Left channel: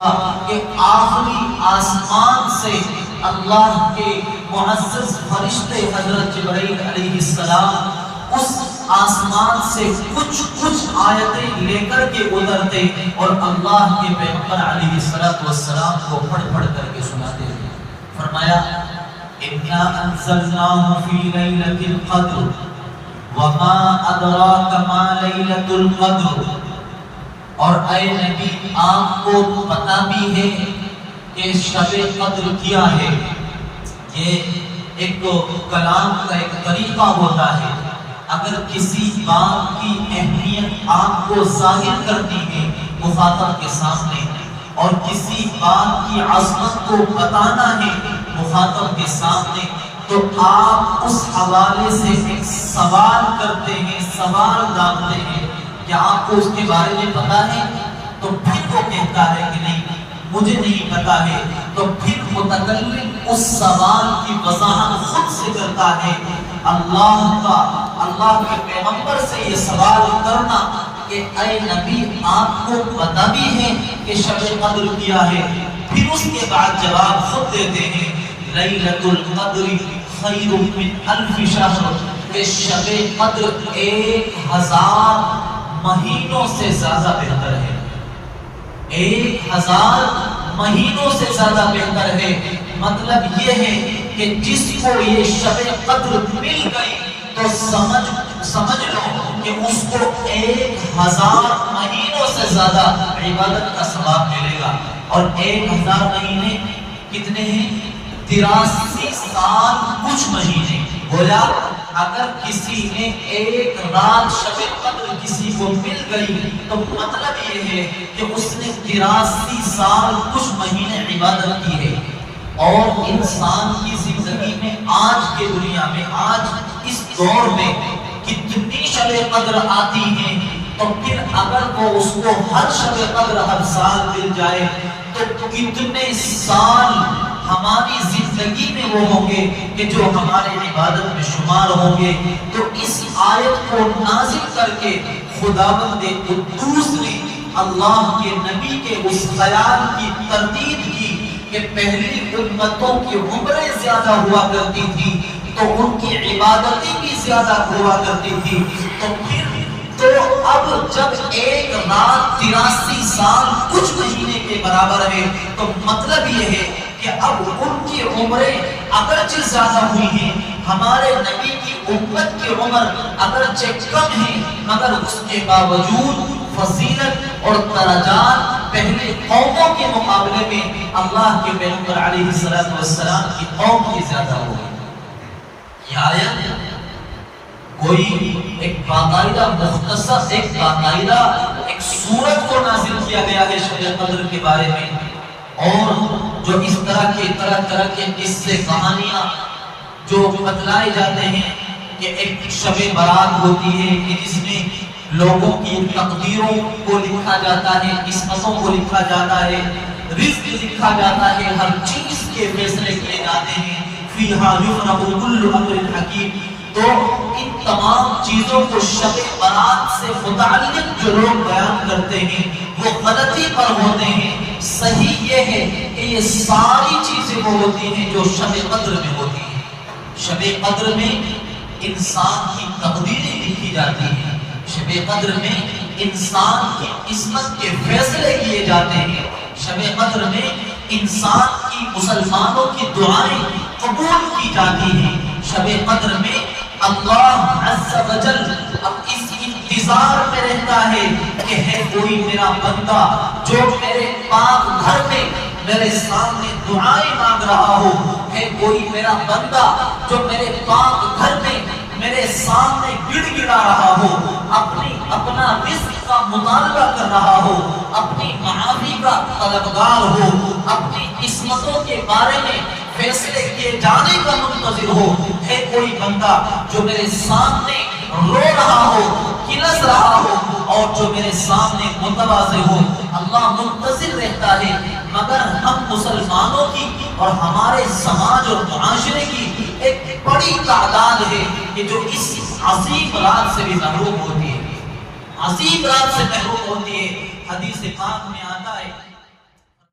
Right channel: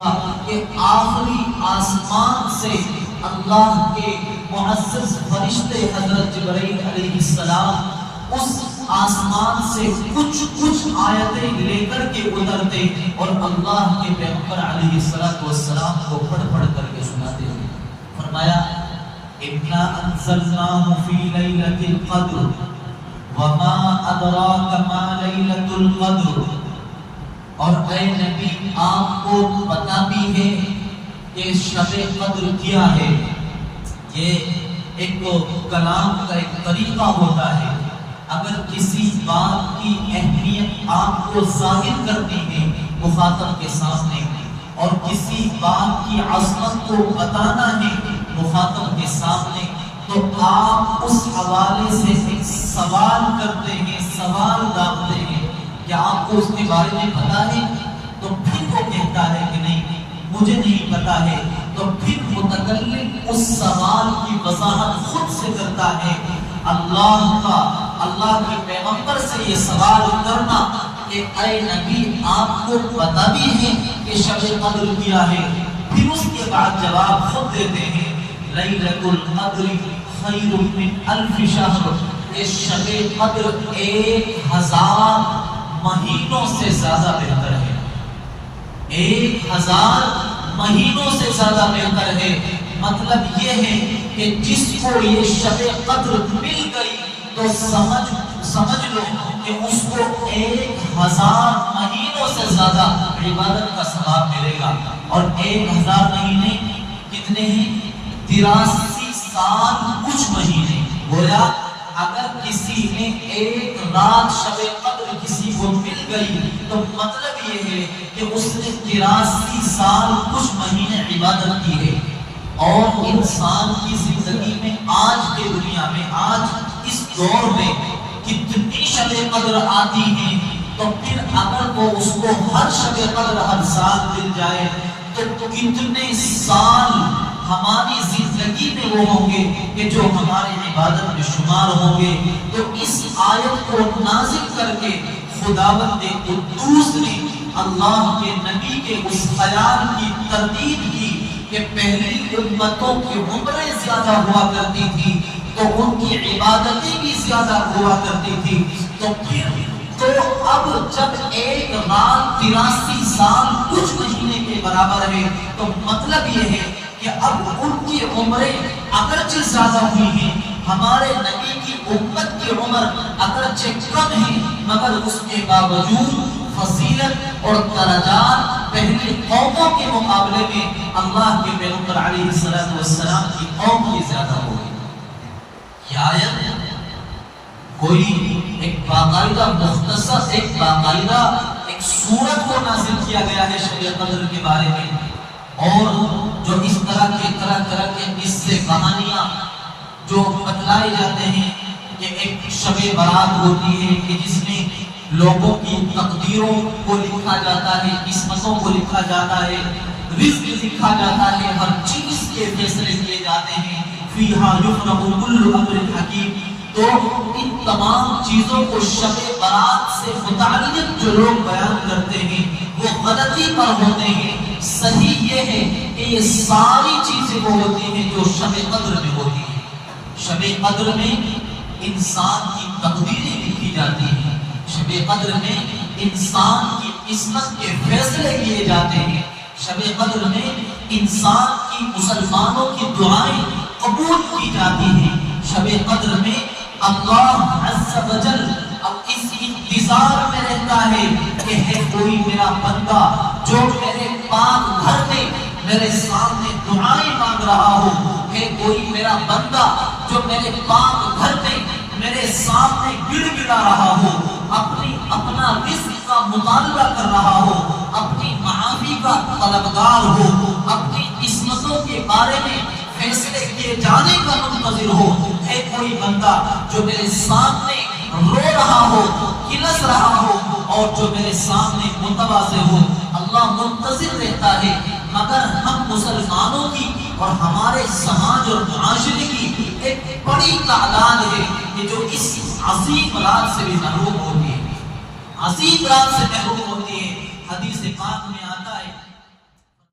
کہ آخری آسمان سے اللہ کے معزز فرشتے حضرت جبرائیل علیہ السلام اس آسمان سے کچھ آیتیں لے کر کے اترتے اور اللہ کے پیغمبر علیہ السلام کو پڑھ کر کے سناتے ہیں۔ فرمایا اِنَّا أَنزَلْنَاهُ فِي لَيْلَةِ الْقَدْرِ وَمَا أَدْرَاكَ مَا لَيْلَةُ الْقَدْرِ۔ اور اے نبی آپ کو پتہ بھی ہے کہ شب قدر کیا ہے۔ یہ ایک کلام کا ایک طریقہ ہوتا ہے، اگر کسی بات کی اہمیت آپ کو ظاہر کرنی ہے مخاطب کے سامنے اور کسی بات کی عظمت کو بتانا ہے مخاطب کے سامنے، تو آپ اس حوالے سے ایک سوال کرتے ہیں، سوال ڈالتے ہیں کہ آپ کو اس کے بارے میں پتا ہے؟ تو پھر وہ کہتا ہے کہ نہیں مجھے نہیں پتا ہے، تو پھر متکلم اس سوال کی وضاحت خود سے کرتا ہے۔ اللہ کے پیغمبر سے یہ سوال کرنا کہ اے نبی آپ کو پتا بھی ہے کہ شب قدر کیا ہے، پھر اس کے بعد جواب خود دیتے ہیں لیلۃ القدر خیر من الف شہر، کہ شب قدر 1000 مہینوں سے زیادہ بہتر ہے، 1000 مہینوں سے زیادہ بہتر ہے۔ مطلب یہ ہے کہ جس کو یہ شب قدر مل گئی تو سمجھ لو کہ اس کو 1000 مہینوں سے زیادہ عبادت کا ثواب ملے گا۔ اور 1000 مہینے کتنے ہیں؟ 83 سال کچھ مہینے۔ گویا اگر کسی نے ایک رات شب قدر کسی کو مل گئی تو مطلب یہ ہے کہ اس نے 83 سال کچھ مہینے عبادت کی ہے۔ اور انسان کی زندگی میں آج کے دنیا میں آج اس دور میں کتنی شب قدر آتی ہیں، تو پھر اگر وہ اس کو ہر شب قدر ہر سال مل جائے تو کتنے سال ہماری زندگی میں وہ ہوں گے کہ جو ہمارے عبادت میں شمار ہوں گے۔ تو اس آیت کو نازل کر کے خداوند قدوس نے اللہ کے نبی کے اس خیال کی تردید کی کہ پہلی امتوں کی عمریں زیادہ ہوا کرتی تھی تو ان کی عبادتیں بھی زیادہ ہوا کرتی تھی، تو اب جب ایک رات 83 سال کچھ مہینے کے برابر ہے تو مطلب یہ ہے کہ اب ان کی عمریں اگرچہ زیادہ ہوئی ہیں، ہمارے نبی کی امت کی عمر اگرچہ کم ہے، مگر اس کے باوجود فضیلت اور درجات پہلے قوموں کے مقابلے میں اللہ کے پیغمبر علیہ السلام کی قوم کی زیادہ ہوئی۔ یہ آیت کوئی ایک باقاعدہ مختصر ایک سورت کو نازل کیا گیا ہے شب قدر کے بارے میں، اور جو اس طرح کے قصے کہانیاں جو بتلائے جاتے ہیں کہ ایک شب برات ہوتی ہے کہ جس میں لوگوں کی تقدیروں کو لکھا جاتا ہے، قسمتوں کو لکھا جاتا ہے، رزق لکھا جاتا ہے، ہر چیز کے فیصلے کیے جاتے ہیں۔ فیہا یفرق کل امر حکیم۔ تو ان تمام چیزوں کو شب برات سے متعلق جو لوگ بیان کرتے ہیں وہ غلطی پر ہوتے ہیں۔ صحیح یہ ہے کہ یہ ساری چیزیں وہ ہوتی ہیں جو شب قدر میں ہوتی ہیں۔ شب قدر میں انسان کی تقدیریں لکھی جاتی ہیں، شب قدر میں انسان کی قسمت کے فیصلے کیے جاتے ہیں، شب قدر میں انسان کی مسلمانوں کی دعائیں قبول کی جاتی ہیں، شب قدر میں اللہ عز و جل اب اس انتظار میں رہتا ہے کہ ہے کوئی میرا بندہ جو میرے پاک گھر میں میرے سامنے دعائیں مانگ رہا ہو، ہے کوئی میرا بندہ جو میرے پاک گھر میں میرے سامنے گڑ گڑا رہا ہو، اپنا رزق کا مطالبہ کر رہا ہو، اپنی معافی کا طلبگار ہو، اپنی قسمتوں کے بارے میں فیصلے کیے جانے کا منتظر ہو، ہے کوئی بندہ جو میرے سامنے رو رہا ہو، کلس رہا ہو، اور جو میرے سامنے متواضع ہو۔ اللہ منتظر رہتا ہے، مگر ہم مسلمانوں کی اور ہمارے سماج اور معاشرے کی ایک بڑی تعداد ہے کہ جو اس عظیم رات سے بھی محروم ہوتی ہے، عظیم رات سے محروم ہوتی ہے۔ حدیث پاک میں آتا ہے